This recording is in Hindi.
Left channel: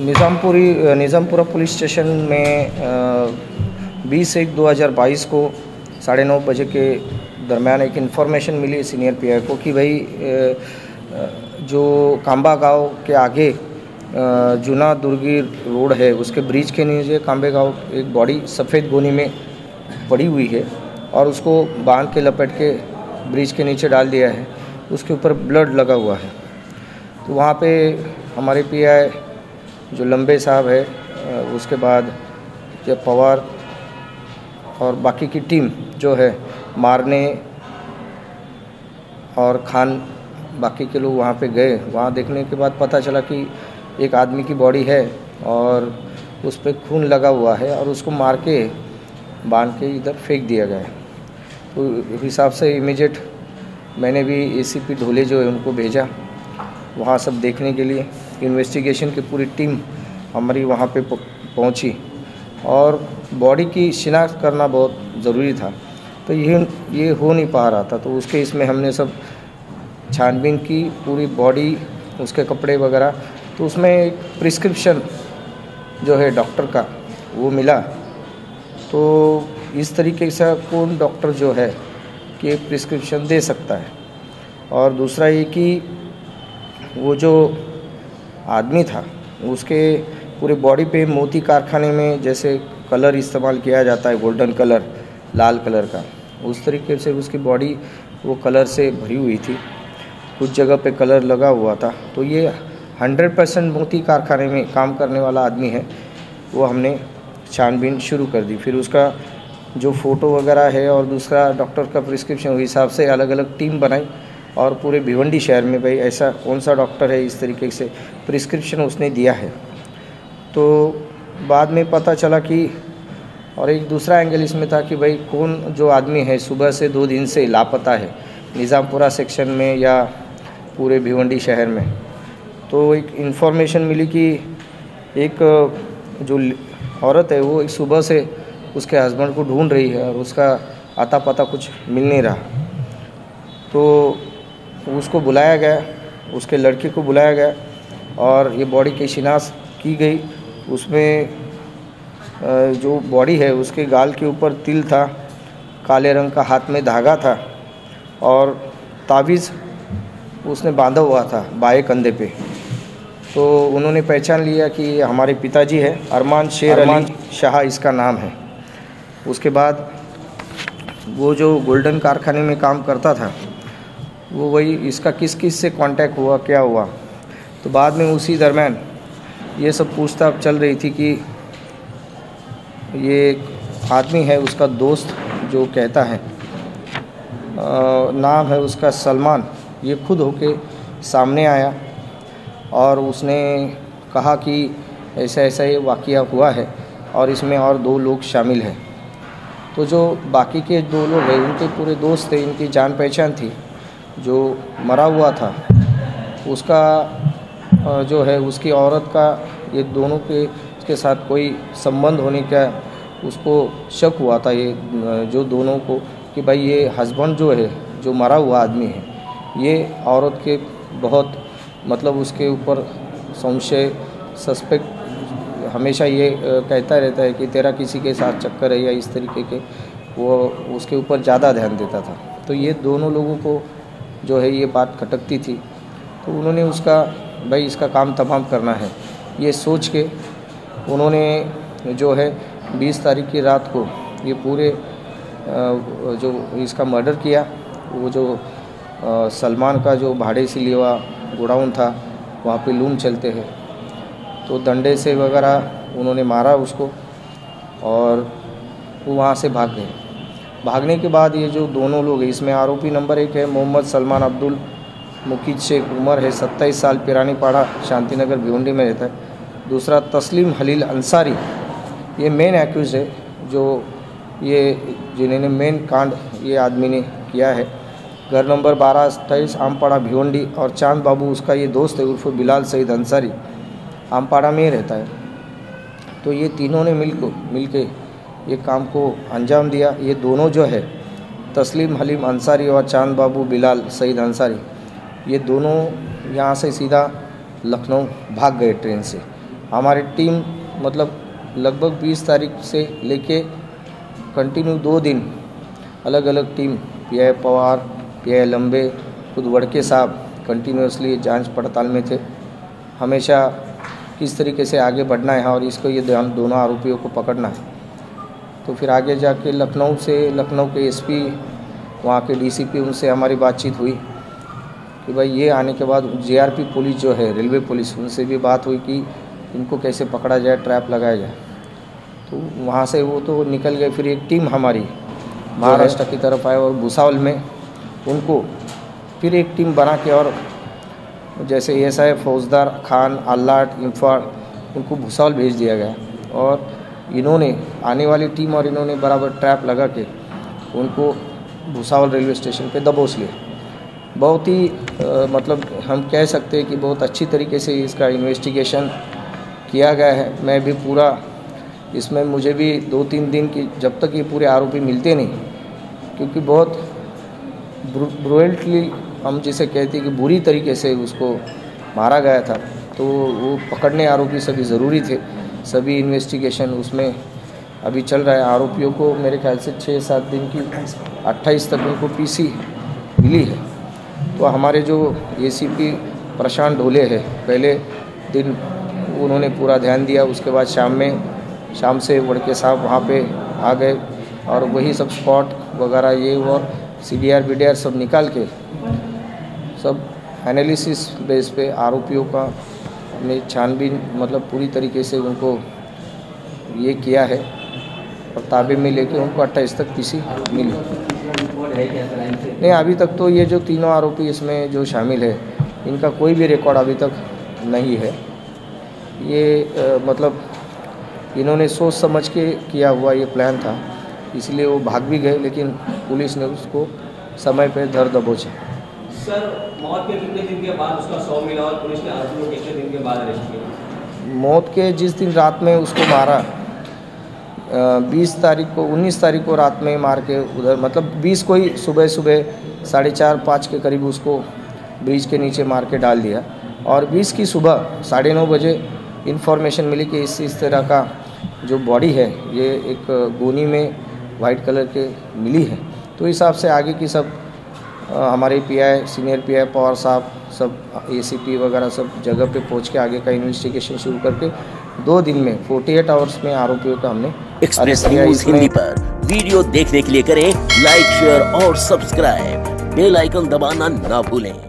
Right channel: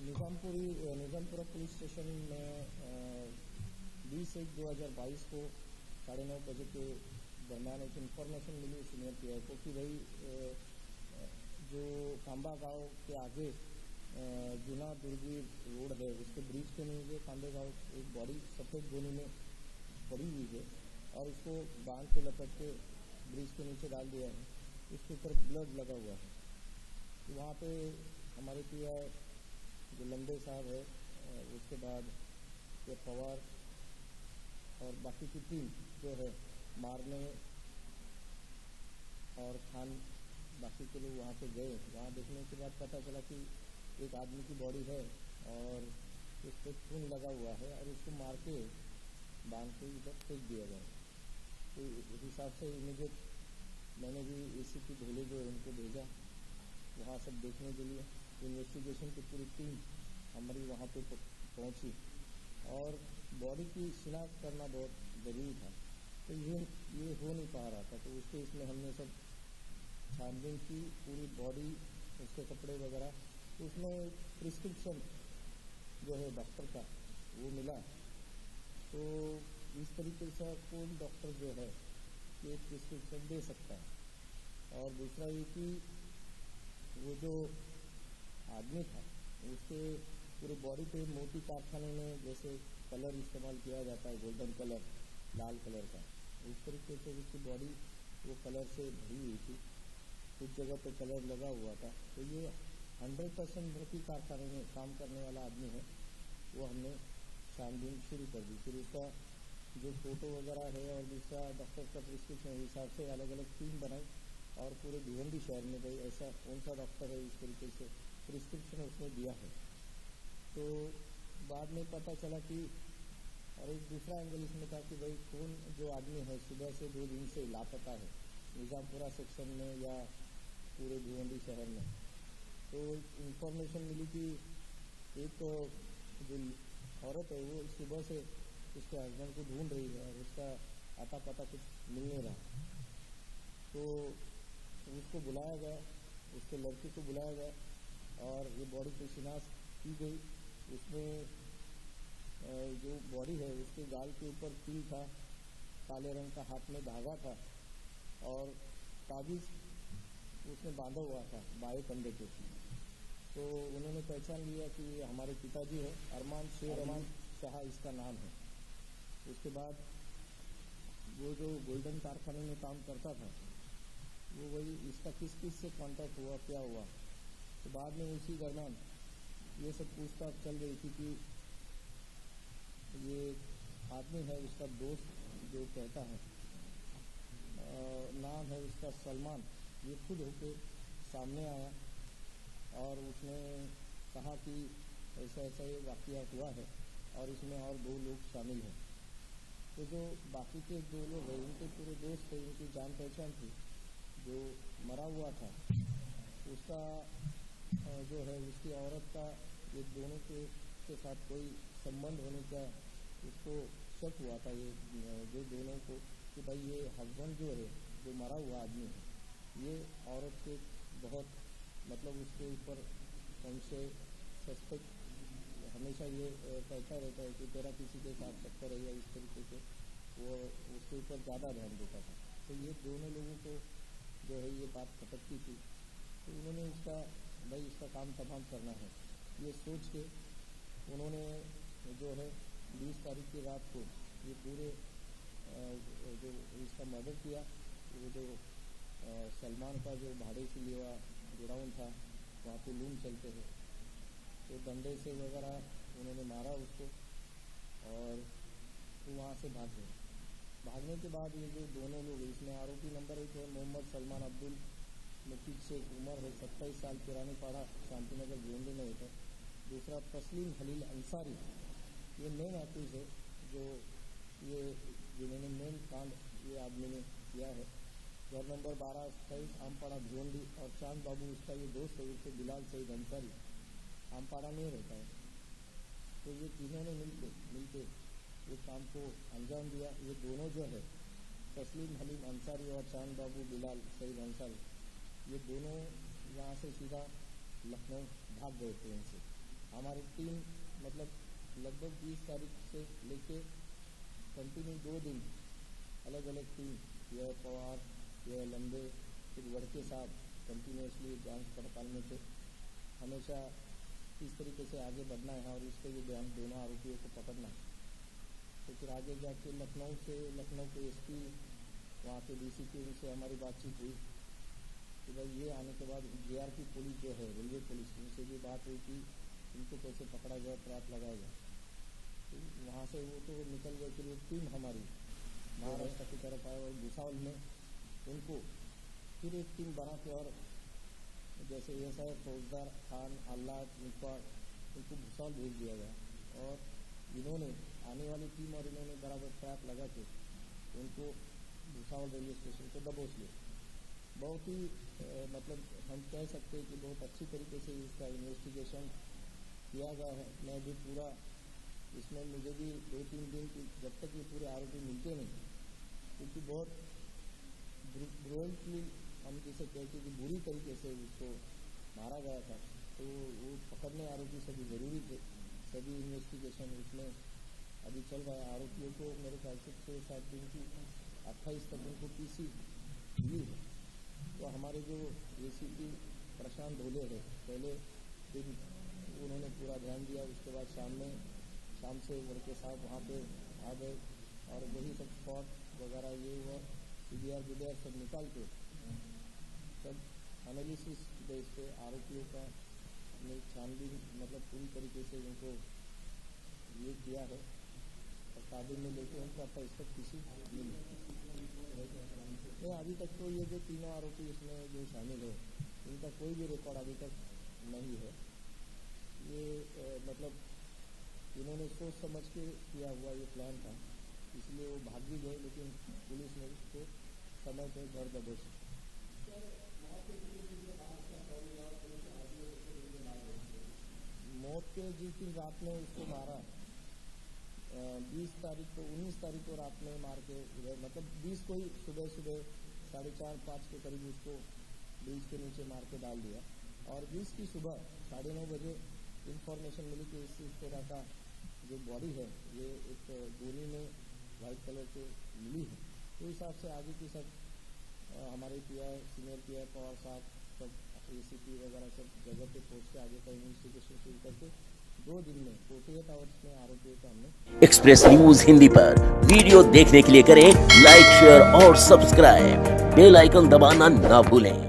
निज़ामपुरा पुलिस स्टेशन में 20/1/2022 को 9:30 बजे के दरमियान एक इन्फॉर्मेशन मिली सीनियर पीआई को कि भाई जो कांबा गांव के आगे जूना दुर्गी रोड है उसके ब्रिज के नीचे कांबे गांव एक बॉडी सफ़ेद गोनी में पड़ी हुई है और उसको बांध के लपेट के ब्रिज के नीचे डाल दिया है। उसके ऊपर ब्लड लगा हुआ है। तो वहाँ पे हमारे पीआई जो लंबे साहब है, उसके बाद जब पवार और बाकी की टीम जो है मारने और खान बाकी के लोग वहाँ पे गए। वहाँ देखने के बाद पता चला कि एक आदमी की बॉडी है और उस पर खून लगा हुआ है और उसको मार के बांध के इधर फेंक दिया गया है। तो हिसाब से इमीडिएट मैंने भी एसीपी ढोले जो है उनको भेजा वहाँ सब देखने के लिए। इन्वेस्टिगेशन की पूरी टीम हमारी वहाँ पे पहुँची और बॉडी की शिनाख्त करना बहुत ज़रूरी था। तो ये हो नहीं पा रहा था। तो उसके इसमें हमने सब छानबीन की पूरी बॉडी, उसके कपड़े वगैरह। तो उसमें एक प्रिस्क्रिप्शन जो है डॉक्टर का वो मिला। तो इस तरीके से कौन डॉक्टर जो है कि प्रिस्क्रिप्शन दे सकता है। और दूसरा ये कि वो जो आदमी था उसके पूरे बॉडी पे मोती कारखाने में जैसे कलर इस्तेमाल किया जाता है, गोल्डन कलर, लाल कलर का, उस तरीके से उसकी बॉडी वो कलर से भरी हुई थी। कुछ जगह पे कलर लगा हुआ था। तो ये 100% मोती कारखाने में काम करने वाला आदमी है। वो हमने छानबीन शुरू कर दी। फिर उसका जो फ़ोटो वगैरह है और दूसरा डॉक्टर का प्रिस्क्रिप्शन, उस हिसाब से अलग अलग टीम बनाई और पूरे भिवंडी शहर में भाई ऐसा कौन सा डॉक्टर है इस तरीके से प्रिस्क्रिप्शन उसने दिया है। तो बाद में पता चला कि और एक दूसरा एंगल इसमें था कि भाई कौन जो आदमी है सुबह से 2 दिन से लापता है निज़ामपुरा सेक्शन में या पूरे भिवंडी शहर में। तो एक इन्फॉर्मेशन मिली कि एक जो औरत है वो एक सुबह से उसके हस्बैंड को ढूंढ रही है और उसका आता पता कुछ मिल नहीं रहा। तो उसको बुलाया गया, उसके लड़के को बुलाया गया और ये बॉडी की शिनाख्त की गई। उसमें जो बॉडी है उसके गाल के ऊपर तिल था, काले रंग का हाथ में धागा था और तावीज़ उसने बांधा हुआ था बाएं कंधे पे। तो उन्होंने पहचान लिया कि ये हमारे पिताजी है, अरमान शेर अली शाह इसका नाम है। उसके बाद वो जो गोल्डन कारखाने में काम करता था वो वही इसका किस किस से कांटेक्ट हुआ, क्या हुआ। तो बाद में उसी दरमियान ये सब पूछताछ चल रही थी कि ये एक आदमी है उसका दोस्त जो कहता है, नाम है उसका सलमान, ये खुद होके सामने आया और उसने कहा कि ऐसा ऐसा ये वाक़या हुआ है और इसमें और 2 लोग शामिल हैं। तो जो बाकी के 2 लोग हैं उनके पूरे दोस्त थे, इनकी जान पहचान थी। जो मरा हुआ था उसका जो है उसकी औरत का ये दोनों के साथ कोई संबंध होने का उसको शक हुआ था, ये जो दोनों को, कि भाई ये हस्बैंड जो है जो मरा हुआ आदमी है ये औरत के बहुत मतलब उसके ऊपर संशय, सस्पेक्ट हमेशा ये कहता रहता है कि तेरा किसी के साथ चक्कर है या इस तरीके के, वो उसके ऊपर ज़्यादा ध्यान देता था। तो ये दोनों लोगों को जो है ये बात खटकती थी। तो उन्होंने उसका भाई इसका काम तमाम करना है ये सोच के उन्होंने जो है 20 तारीख की रात को ये पूरे जो इसका मर्डर किया। वो जो सलमान का जो भाड़े से लिया हुआ गोडाउन था वहाँ पे लूम चलते हैं, तो डंडे से वगैरह उन्होंने मारा उसको और वो वहाँ से भाग गए। भागने के बाद ये जो दोनों लोग हैं इसमें आरोपी नंबर 1 है मोहम्मद सलमान अब्दुल मुकीद शेख, उम्र है 27 साल, पिरानीपाड़ा शांतिनगर भिवंडी में रहता है। दूसरा तस्लीम हलील अंसारी, ये मेन एक्यूज है जो ये जिन्होंने मेन कांड ये आदमी ने किया है। घर नंबर 12-28 आमपाड़ा भिवंडी। और चांद बाबू उसका ये दोस्त है उर्फ बिलाल सईद अंसारी, आमपाड़ा में ही रहता है। तो ये तीनों ने मिल के ये काम को अंजाम दिया। ये दोनों जो है तस्लीम हलीम अंसारी और चांद बाबू बिलाल सईद अंसारी, ये दोनों यहाँ से सीधा लखनऊ भाग गए ट्रेन से। हमारी टीम मतलब लगभग 20 तारीख से लेके कंटिन्यू 2 दिन अलग अलग टीम, पीआई पवार, पीआई लंबे, खुद वड़के साहब कंटिन्यूसली जांच पड़ताल में थे। हमेशा किस तरीके से आगे बढ़ना है और इसको ये दोनों आरोपियों को पकड़ना है। तो फिर आगे जाके लखनऊ के एसपी, वहाँ के डीसीपी, उनसे हमारी बातचीत हुई कि भाई ये आने के बाद जीआरपी पुलिस जो है, रेलवे पुलिस, उनसे भी बात हुई कि इनको कैसे पकड़ा जाए, ट्रैप लगाया जाए। तो वहाँ से वो तो निकल गए। फिर एक टीम हमारी महाराष्ट्र की तरफ आए और भुसावल में उनको फिर एक टीम बना के, और जैसे एएसआई फौजदार खान, आल्लाट, इंफाड़, उनको भुसावल भेज दिया गया। और इन्होंने आने वाली टीम और इन्होंने बराबर ट्रैप लगा के उनको भुसावल रेलवे स्टेशन पे दबोच लिया। बहुत ही मतलब हम कह सकते हैं कि बहुत अच्छी तरीके से इसका इन्वेस्टिगेशन किया गया है। मैं भी पूरा इसमें, मुझे भी 2-3 दिन की, जब तक ये पूरे आरोपी मिलते नहीं, क्योंकि बहुत ब्रुटली हम जिसे कहते हैं कि बुरी तरीके से उसको मारा गया था, तो वो पकड़ने आरोपी सभी ज़रूरी थे। सभी इन्वेस्टिगेशन उसमें अभी चल रहा है। आरोपियों को मेरे ख्याल से 6-7 दिन की 28 तक उनको पीसी मिली है। तो हमारे जो एसीपी प्रशांत ढोले है, पहले दिन उन्होंने पूरा ध्यान दिया, उसके बाद शाम से वड़के साहब वहाँ पे आ गए और वही सब स्पॉट वगैरह ये और CDR BDR सब निकाल के सब एनालिसिस बेस पे आरोपियों का हमने छानबीन मतलब पूरी तरीके से उनको ये किया है और ताबे में लेके उनको 28 तक पीसी मिली। नहीं, अभी तक तो ये जो तीनों आरोपी इसमें जो शामिल है, इनका कोई भी रिकॉर्ड अभी तक नहीं है। ये मतलब इन्होंने सोच समझ के किया हुआ ये प्लान था, इसलिए वो भाग भी गए, लेकिन पुलिस ने उसको समय पे धर दबोचा। सर, मौत के कितने दिन के बाद उसका शव मिला और पुलिस ने आरोपी को कितने दिन के बाद अरेस्ट किया? मौत के जिस दिन रात में उसको मारा, 19 तारीख को रात में मार के उधर, मतलब 20 को ही सुबह 4:30-5 के करीब उसको ब्रिज के नीचे मार के डाल दिया। और 20 की सुबह 9:30 बजे इन्फॉर्मेशन मिली कि इस तरह का जो बॉडी है ये एक गोनी में वाइट कलर के मिली है। तो इस हिसाब से आगे की सब हमारे पीआई, सीनियर पीआई पवार साहब, सब एसीपी वगैरह सब जगह पे पहुंच के आगे का इन्वेस्टिगेशन शुरू करके 2 दिन में 48 आवर्स में आरोपियों का हमने एक्सप्रेस न्यूज हिंदी पर वीडियो देखने के लिए करें लाइक, शेयर और सब्सक्राइब। बेल आइकन दबाना ना भूलें।